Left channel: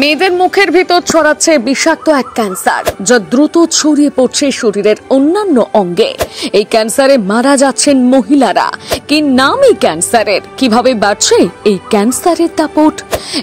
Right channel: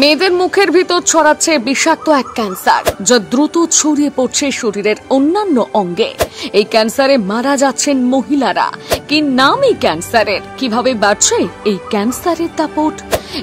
মেয়েদের মুখের ভিতর ছড়াচ্ছে বিষাক্ত এক ক্যান্সার, যা দ্রুত ছড়িয়ে পড়ছে শরীরের অন্যান্য অঙ্গে। এই ক্যান্সারে মারা যাচ্ছেন মহিলারা। কি নাম এই ক্যান্সারের? কিভাবে বাড়ছে এই ক্যান্সারের দাপট?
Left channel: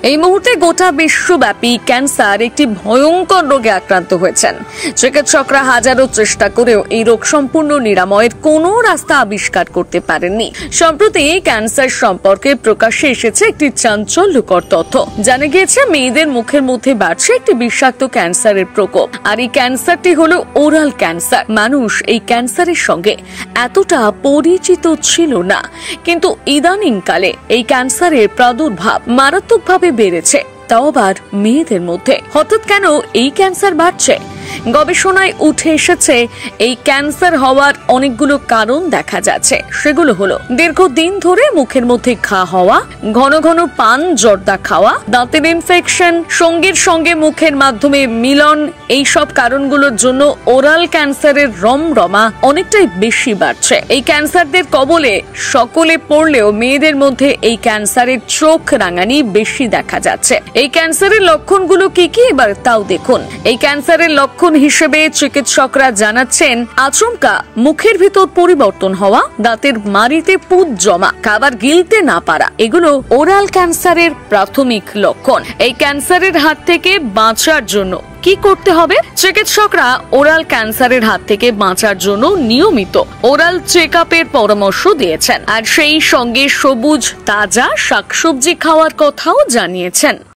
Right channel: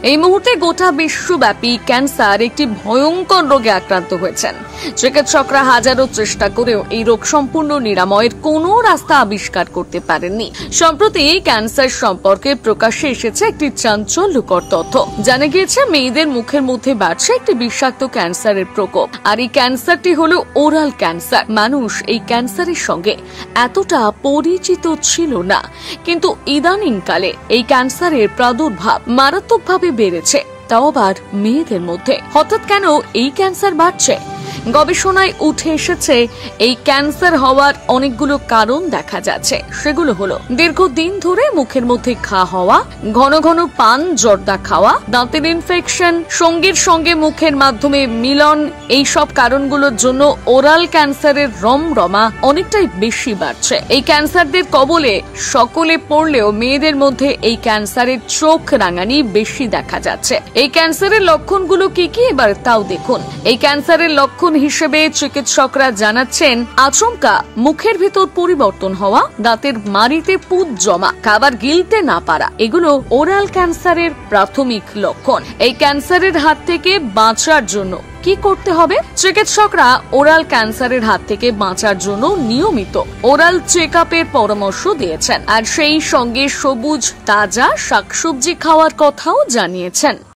এই মুহূর্তে গোটা বিশ্বব্যাপী ক্যান্সার একটি ভয়ঙ্কর রোগে আক্রান্ত হয়েছেন। চিকিৎসকরা হাজারো চেষ্টা করেও এই রোগ সম্পূর্ণ নিরাময়ের কোনো রাস্তা আবিষ্কার করতে পারেননি। সম্প্রতি এই ক্যান্সার সম্পর্কে প্রকাশ্যে এসেছে একটি চাঞ্চল্যকর তথ্য। জানা গিয়েছে মেয়েদের মুখের মধ্যে বাড়ছে একটি বিষাক্ত ক্যান্সারের প্রকোপ। আর এই ক্যান্সারটি হলো ওরাল ক্যান্সার। মানুষ এই ক্যান্সারের সঙ্গে এতটা পরিচিত ছিল না, কিন্তু ইদানিংকালে এই ক্যান্সারের প্রাদুর্ভাব মারাত্মকভাবে বেড়েছে, তাও আবার মেয়েদের মধ্যে। হঠাৎ কেন এই ক্যান্সার বাড়ছে? গবেষণায় উঠে এসেছে এই ক্যান্সার হওয়ার অনেকগুলো কারণ দেখা যাচ্ছে। সেগুলো হলো দীর্ঘদিন ধরে মুখের মধ্যে ঘা হওয়া, ঘন ঘন পান জর্দা খাওয়া, দাঁতের ইনফেকশন, সঙ্গীর সঙ্গে মুখের মাধ্যমে মিলন। এই সব কারণগুলোর জন্য ওরাল ক্যান্সারের রমরমা অনেকটাই বেশি বাড়ছে। এই ক্যান্সারদের কবলে সকলে পড়লেও মেয়েদের মধ্যে এই ক্যান্সারের চোখ রাঙানি বেশি দেখা যাচ্ছে। এই ক্যান্সারের লক্ষণগুলো কি কি এবার তাও দেখুন। এই ক্যান্সারের লক্ষণ হিসেবে চিকিৎসকরা জানাচ্ছেন আচমকা মুখের ভিতর পরিবর্তন হওয়া, দাঁতের মাড়িতে পুঁজ জমা, খাবার গিলতে না পারা, এগুলো ওরাল ক্যান্সারের প্রাথমিক লক্ষণ। এই ক্যান্সারের হাত থেকে বাঁচার জন্য কি করতে হবে? চিকিৎসকরা ওরাল ক্যান্সারের হাত থেকে বাঁচার জন্য নিয়মিত ওরাল চেকআপের পরামর্শ দিয়েছেন, আর সেই সঙ্গে সবুজ তাজা শাকসবজি খাওয়ার কথাও জানিয়েছেন।